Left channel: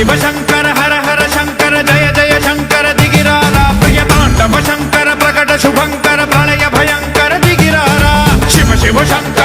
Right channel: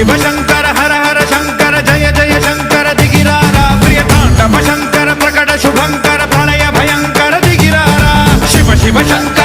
शिव शंकर हर हर शंकर जय जय शंकर दिगिरारा प्रिय तांडव शंकर प्रकट शुभंकर प्रलय भयंकर दिगिरारा शिव शिव शंकर